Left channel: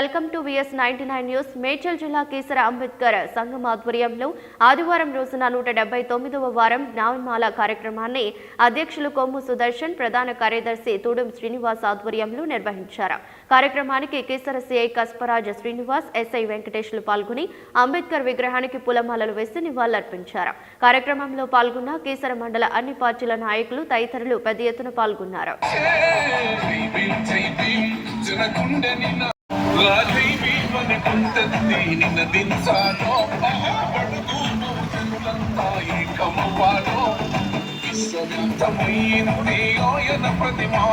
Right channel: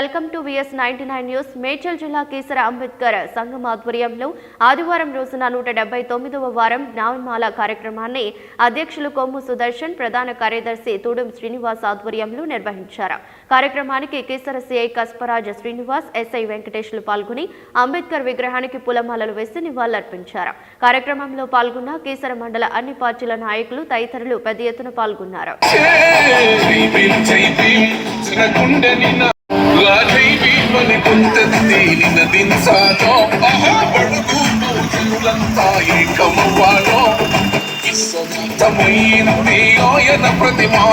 Welcome to VS ninety ninety nine news Medchal Keesara Ambedkar సంఘం ఆధ్వర్యంలో ఆదివారం రోజున నూట డెబ్బై తొమ్మిదవ వారం జ్ఞానమాల కార్యక్రమాన్ని అధ్యక్షులు కొమ్ము సుదర్శన్ ప్రధాన కార్యదర్శి తూడం శ్రీనివాస్ ఆధ్వర్యంలో నిర్వహించారు కార్యక్రమానికి కేసర సిఐ కస్పరాజ్ శ్రీనివాస్ ఎస్ఐ వెంకటేష్లు పాల్గొని అంబేద్కర్ విగ్రహానికి పూలమాలలు వేసి నివాళులర్పించారు కార్యక్రమంలో పాల్గొన్న కేసర మండల అన్ని పార్టీల నాయకులు తదితరులు పెద్ద ఎత్తున పాల్గొన్నారు ఆయన ప్రతిమా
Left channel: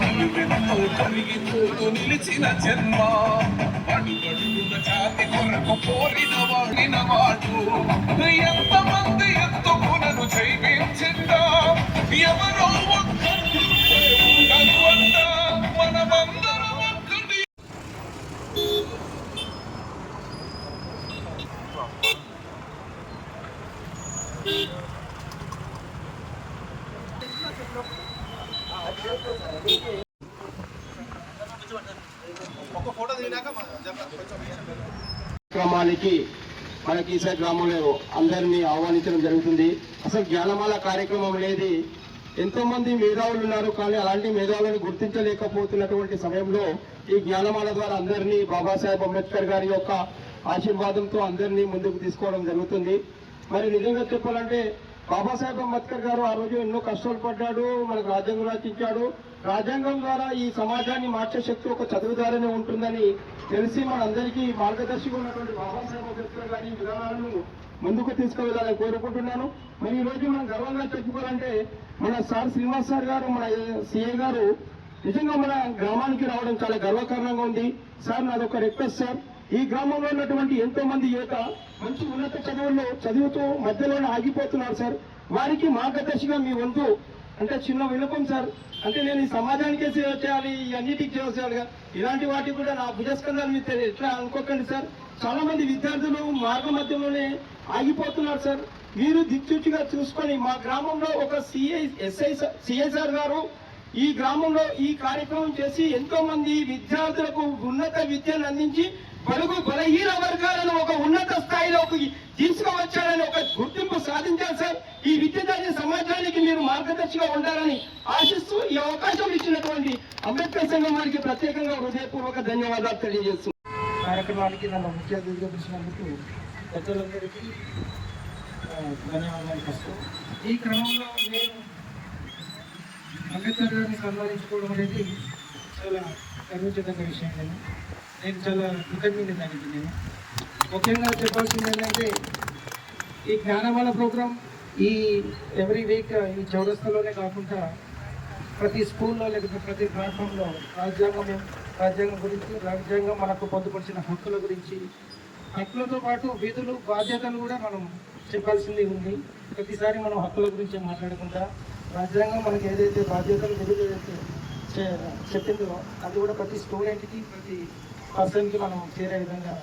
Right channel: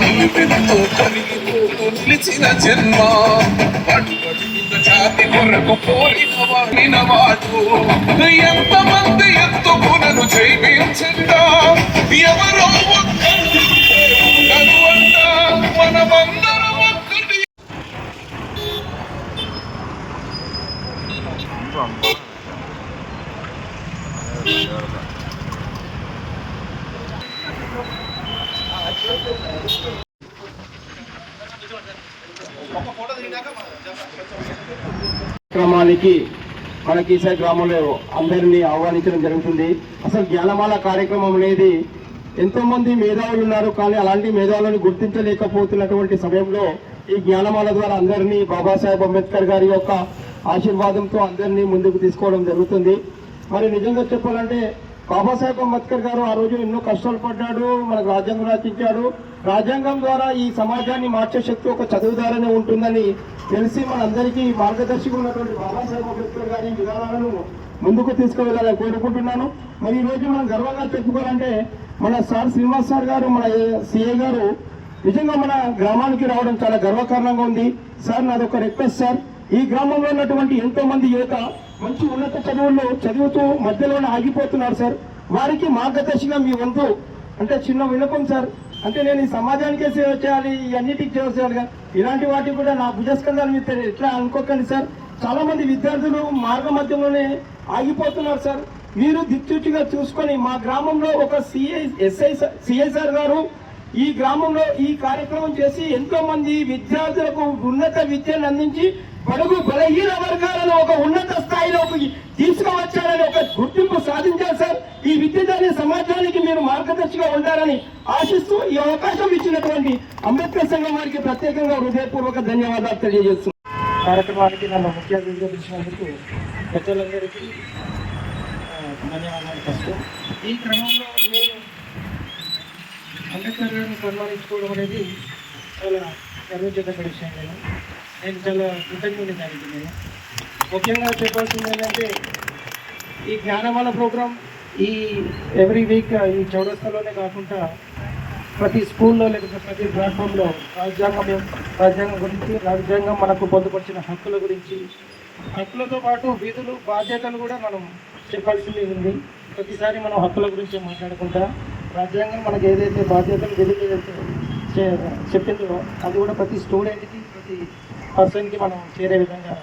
నిలువెత్తు కలుగుతూ నిలిచిన జన్మ పడుతున్న జాతి కొరకు పోలిన వాడిన వాడు ఎంతమంది ఎత్తుకునను జైవించండా ఎవరో కార్యక్రమానికి మన కీసా గ్రామంలో అందరినీ ఆహ్వానించడం జరుగుతుంది. అసలు జ్ఞానమాల కార్యక్రమం అనేది ఎంతోమంది మేధావులు ఉన్నారు కానీ అలాంటి మేధావులను గుర్తించలేకపోతున్నటువంటి సమయంలో ఈ జ్ఞానమాల ద్వారా అందరినీ బాబాసాహెబ్ అంబేద్కర్ గారి యొక్క ఆశీర్వాదంతో అందరినీ ముందుకు తీసుకోవడం జరుగుతుంది. మరి నిజంగా చెప్పాలంటే బాబాసాహెబ్ అంబేద్కర్ గారు ఆ రోజు ఎన్నో కష్టాలు పడ్డాడు మనకు రాజ్యాంగం రచించాడు రాజ్యాంగం ద్వారా ఈ సమాజాన్ని మార్చే శక్తి ఒక చదువు ద్వారానే ఉంటుందని తెలిసి మనందరికీ మార్గదర్శిగా ఉన్నటువంటి బాబాసాహెబ్ అంబేద్కర్ గారి విధానాలను ముందుకు తీసుకువెళ్ళాలని కోరుకుంటున్నాను. మరి ఈ రోజు మనం గర్వంగా చెప్పుకోవాలంటే మన సార్ శ్రీనివాస్ సార్ గారు మన సిఏ గారు నిజంగా మన గ్రామానికి రావడం చాలా గర్వకారణంగా ఉంది. సార్ నాది ఒక రిక్వెస్ట్ సార్. ఈ గ్రామంలో ఉన్నటువంటి ఎంతో మంది యువత మంచి ఉన్నత చదువుల్లో చదువుతూ మధ్యలోనే ఆగిపోతున్నారు సార్. వారికి మార్గదర్శిగా మీ వంతు. అంటే చిన్న వినపం సార్. అంటే నేను ఈ సమాజానికే సేవ చేయాలి ఇవన్నిటికి సేవ చేయాలి ఇలాంటి వాటికి కూడా నా భుజస్కందాలు మీద ఎట్లా అనుకోకండి సార్. చాలా మంది విద్యార్థులు మార్గ మధ్యలోనే ఆగిపోతున్నారు సార్. మీరు దిక్చూచిగా చూసుకొని మా గ్రామంలో ఒక సిఐ ఎస్ఐ సిఐ సార్ గారు ఈ గ్రామంలో ఈ కార్యక్రమం చేసి ఎంతో మంది విద్యార్థులకు ఉన్నత విద్యను అందించి బడుగు బలహీన వర్గాలను ఒక ఉన్నత స్థాయిలోకి తీసుకువచ్చారని ఒక గుర్తింపు సాధించారు సార్. ఈ విద్య సమాజానికి మీరు మార్గదర్శిగా ఉంటారని ఆశిస్తూ ఈ అవకాశం ఇచ్చినటువంటి అంబేద్కర్ సంఘం వారికి ప్రత్యేకంగా హృదయపూర్వక ధన్యవాదాలు తెలియజేస్తున్నాను కార్యక్రమానికి నన్ను ముఖ్య అతిథిగా పిలిచినందుకు పెద్దలందరికీ ధన్యవాదాలు ఫస్ట్ ఈ క్రమంలో నేను అంబేద్కర్ గారిని సంబంధించుకోవడం అనేది చాలా గర్వించదగ్గ విషయం నేను చాలా కృతజ్ఞతని దానికి. నేను ముఖ్యంగా చెప్పాల్సింది ఏంటంటే ఈ జ్ఞానమాల ప్రోగ్రాం ఈ ఎవ్రీ వీక్ ఈ చౌరస్తాలోనే కాకుండా ప్రతి స్కూల్లో లేకపోతే ప్రతి ప్లాట్ఫామ్లో రాజ్యాంగం రాజ్యాంగం గురించి రాజ్యాంగం మనకు పొందుపరిచిన హక్కుల గురించి హక్కులతో పాటు విధులు బాధ్యతలు కూడా మనం చెప్పాల్సింది ఉంది. ప్రతిసారి మనం హక్కుల గురించి మాట్లాడుకుంటా. రాజ్యాంగం మనకు ఏదైతే బాధ్యతలు విధులు చెప్పిందో అది కూడా ప్రతి స్టూడెంట్కి ప్రతి పర్సన్కి మనం చేరే విధంగా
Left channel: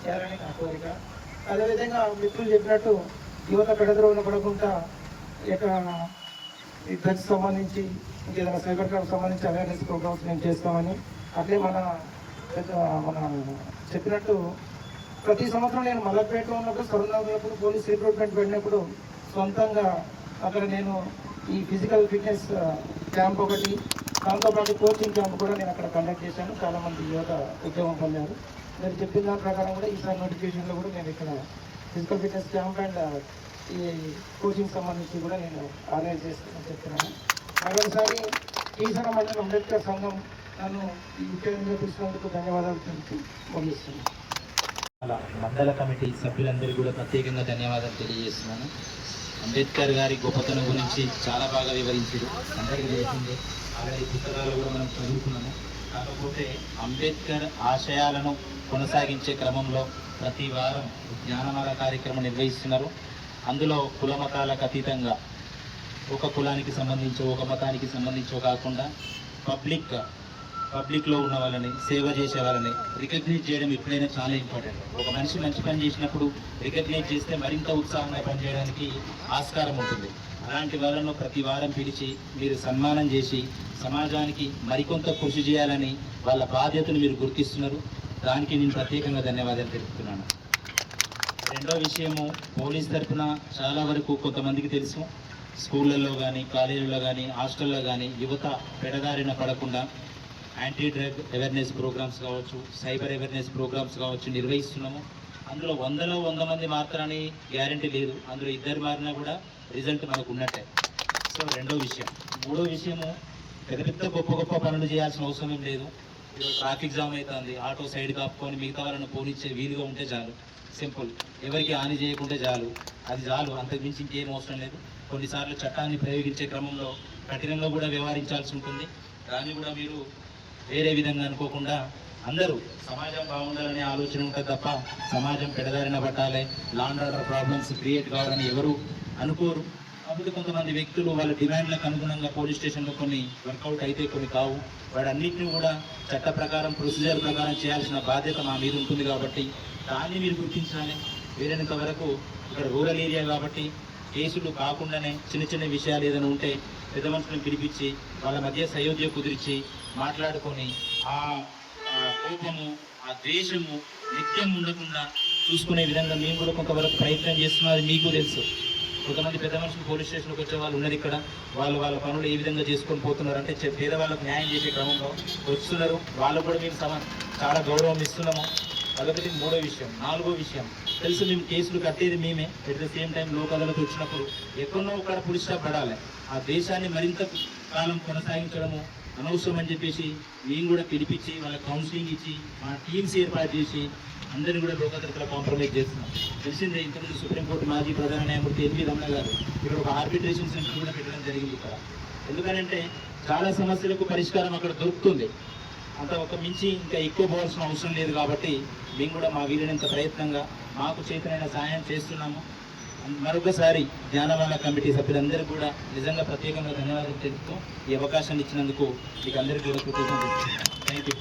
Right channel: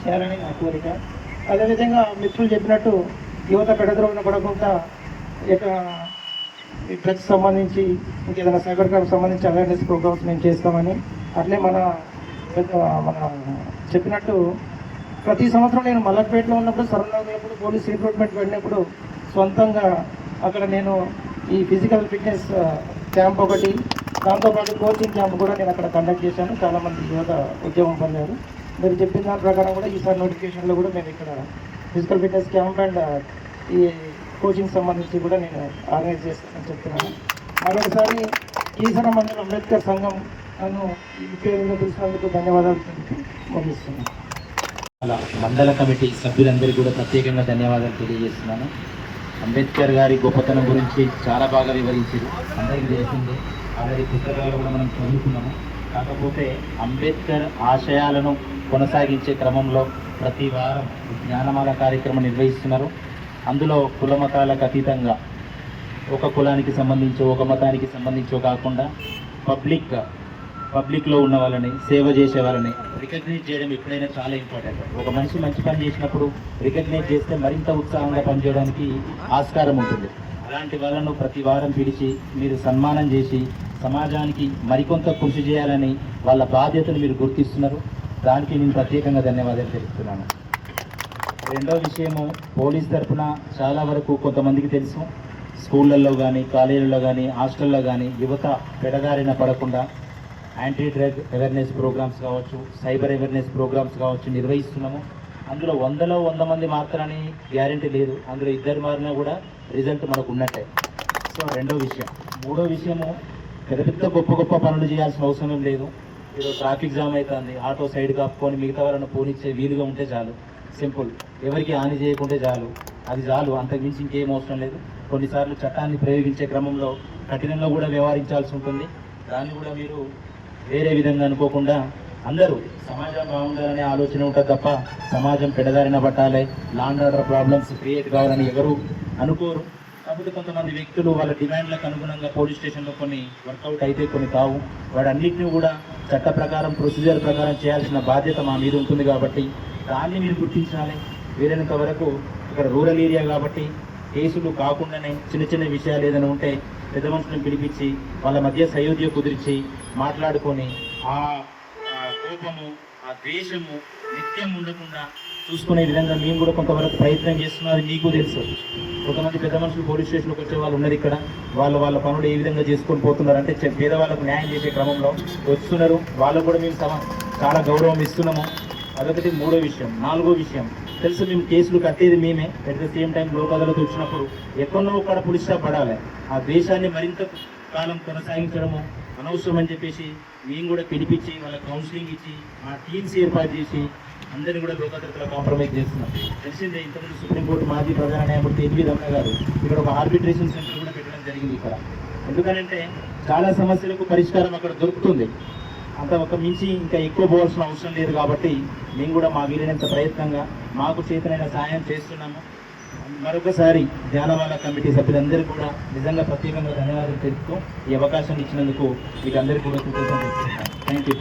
చేయాలని నా కోరిక. అదేవిధంగా మిత్రులు చెప్పినట్టు యువత పెడద్రోగిన పడకుండా ఈ యొక్క ఈ డ్రగ్స్ సంబంధించి ఇంకేదైనా సైబర్ క్రైమ్ సంబంధించి అవేర్నెస్ ప్రోగ్రామ్స్ మేము చేస్తామని అట్లే మన మన చెప్పినట్టు ప్రతి సంవత్సరం నేను మల్లపేటలో ఉన్నప్పుడు సరదాపురం పోలీస్ రిక్రూట్మెంట్ వెళ్ళినప్పుడు సొంతంగా అక్కడ నేను ఈ ఫిజికల్ ఫిట్నెస్ క్యాంప్ ఒకటి దాంతోపాటు కోచింగ్ క్యాంప్ కూడా నేను అక్కడ కండక్ట్ చేశాను. చాలామంది యువత ఉద్యమం పొందారు. మీరు చెప్పిన దాని ప్రకారం కూడా ఈసారి నోటిఫికేషన్లో కూడా నేను ఇక్కడ ఫిజికల్ ఫిట్నెస్ క్యాంప్ అండ్ ఈ కోచింగ్ సంబంధించి కూడా నేను ఆర్గనైజ్ చేస్తానని చెప్తున్నాను. మరొకసారి ఈసన మండలం అంబేద్కర్ సంఘం నన్ను ఈ పేరుగా పిలిచినందుకు ధన్యవాదాలు తెలిపి ముగిస్తున్నాను. అలా మండల కమిటీ సభ్యులందరికీ కూడా ప్రత్యేకంగా ధన్యవాదాలు తెలియజేస్తున్నాను. అంబేద్కర్ గారి గొప్పతనం గురించి చాలా బాగా వివరించారు. అందరికీ తెలిసిందే. అలాగే పుస్తకాలు కూడా మనం చదువుకున్నాము. కాకపోతే అంబేద్కర్ ఆశయాలను కొనసాగించే క్రమంలో ప్రతి వారం జ్ఞానమాల కార్యక్రమం నిర్వహిస్తున్నారు. అందులో కుల మతాలకు అతీతంగా ఒక కులానికి సంబంధించి ఒక మతానికి సంబంధించో కాకుండా పబ్లిక్గా పబ్లిక్లో ఉన్న వాళ్ళని సేవ చేసే వాళ్ళని రికగ్నైజ్ చేయడం ఎప్పుడైనా చాలా ఇంపార్టెంట్. ఒక మనిషి మంచి పని చేసినప్పుడు రికగ్నైజ్ చేస్తే మరింత ఉత్సాహంగా పనిచేయడానికి ఆస్కారం ఉంటుంది. అలాంటి వాళ్ళను ప్రతి వారం పిలిచి మీరు సన్మానం చేసి సమాజానికి మరికొంత కృషి చేయాలని వాళ్ళ బాధ్యతను మీరు గుర్తిస్తున్నారు. దానికి నేను ప్రత్యేకంగా ధన్యవాదాలు తెలుపుతున్నాను. రెండో విషయము పోలీస్ తరఫున చాలా వరకు కొంతమందికి తెలుసు. స్కూళ్ళల్లో కానీ కాలేజీల్లో కానీ హాస్టల్లో కానీ యువత పెడదారిన పడకుండా యాంటీ డ్రగ్ అవేర్నెస్ ప్రోగ్రామ్స్ కావచ్చు సైబర్ అవేర్నెస్ ప్రోగ్రామ్స్ కావచ్చు నిర్వహిస్తున్నాము. అందులో వందలో వంద మంది మాత్రని గ్యారంటీ లేదు. అందులో ఇద్దరు మారినా కూడా రిజల్ట్ మనకు ఉన్నట్టే. సో రెండో విషయం. మూడో విషయము పెద్ద పెద్ద గొప్ప గొప్ప పనులు చేయాల్సిన అవసరం ఏం లేదు. ఈరోజు ట్రాఫిక్ జామ్ అవుతుంది ఆటో సైడ్ కాపుకొని మిగతా వాళ్ళని పోనిచ్చే వీలుగా ఉంటే చాలు. సింపుల్. ఎవరికి హాని చేయకుంటే చాలు. అది చాలు. అంతకుమించి ఇంకేం అవసరం లేదు. కొన్నిసార్లు చట్టాన్ని ప్రయోగించే క్రమంలో కఠినంగా కూడా వ్యవహరించాల్సి ఉంటుంది. దాన్ని కూడా మీరు వేరే విధంగా అనుకోకుండా అందరూ సమాజం బాగుండాలనే ఆలోచన ఉంటుంది తప్ప సమాజం పెడదారిన పట్టాలి. లాండ్ ఆర్డర్ ప్రాబ్లమ్స్ క్రియేట్ కావాలని ఎవరు అనుకోరు. కాబట్టి కొంతమంది వ్యక్తులు వాళ్ళ డిమాండ్లకు అనుగుణంగా పోలీస్ స్టేషన్లో కొన్ని వర్కౌట్ అయితే కొన్ని కావు. వాడన్నిటిని కూడా చట్ట ప్రకారం ప్రొసీజర్ ప్రకారం చేయాల్సిన బాధ్యత మా మీద ఉంటుంది కాబట్టి దాన్ని మీరు గుర్తించాలి. వీలైనంత వరకు ఇక్కడ రూరల్ ఏరియా కాబట్టి కేసులు కాకుండానే చిన్న చిన్న విషయాలు ఏదైనా ఉంటే పెద్ద మనుషులను పిలిపించి వాళ్ళ మధ్య సయోధ్య కుదిర్చి మాట్లాడుకొని ఆ ఆ కోపము ఆ ద్వేషము నిత్యం ఉండకుండా చూసుకునే విధంగా మేము కూడా కొంతవరకు ప్రయత్నం చేస్తున్నది మీకు తెలుసు. కొంతమంది పెద్ద మనుషులు పోలీస్ స్టేషన్కి వచ్చే వాళ్ళు ఉన్నారు ఇక్కడ. వాళ్ళు వాళ్ళ పనులు ఏ విధంగా చేసుకొని పోతున్నారు అంటే పేదవాళ్ళకు న్యాయం చేసే క్రమంలో వస్తున్నారు. వాళ్ళు కూడా మేము సమ చాలా గౌరవం ఇస్తున్నాము. అదొకటి మూడో విషయం. నాలుగో విషయం. తెలుసు మేము కేసులు కట్టేది మేమే. At the same time Lok Adalat వచ్చినప్పుడు ఎక్కడో ఒక్కడ పులిస్ స్టాప్ పడాలి. ఆ దేశాన్ని మరింత కాలం కొనసాగించడము అనవసరం అని చెప్పేసి మేము కూడా పిలిపించి వాళ్ళ కౌన్సిలింగ్ ఇచ్చి మా టీమ్స్ ఏర్పాటు చేసి అందరినీ కూడా లోకాదరతలో కాంప్రమైజ్ చేస్తున్నాం తెలిసిందే ఇంతకుముందు సుప్రీంకోర్టు మాజీ ప్రధాన న్యాయమూర్తి ఎల్వి రమణ గారు ఇక్కడ ఒక ఆర్బిట్రేషన్ సెంటర్ కూడా పెట్టడం జరిగింది ఇక్కడ. ఎందుకనంటే చాలా సమస్యలకు పరిష్కారం అక్కడ దొరుకుతుంది. అంత ఒక మించి ఇంకా ఎక్కువ పోవాల్సిన అవసరం లేదు కాబట్టి మేము కూడా మా వీలైనంత ప్రయత్నంగా మాకు చేతనైన సహాయం చేస్తున్నాము. మరొకసారి జానమాల కమిటీ సభ్యులందరికీ కూడా నిజంగా ప్రత్యేకంగా ధన్యవాదాలు తెలుపుతూ ఈ అవకాశాన్ని ఇచ్చినందుకు మీకు అందరికీ కూడా కృతజ్ఞతలు థ్యాంక్ యూ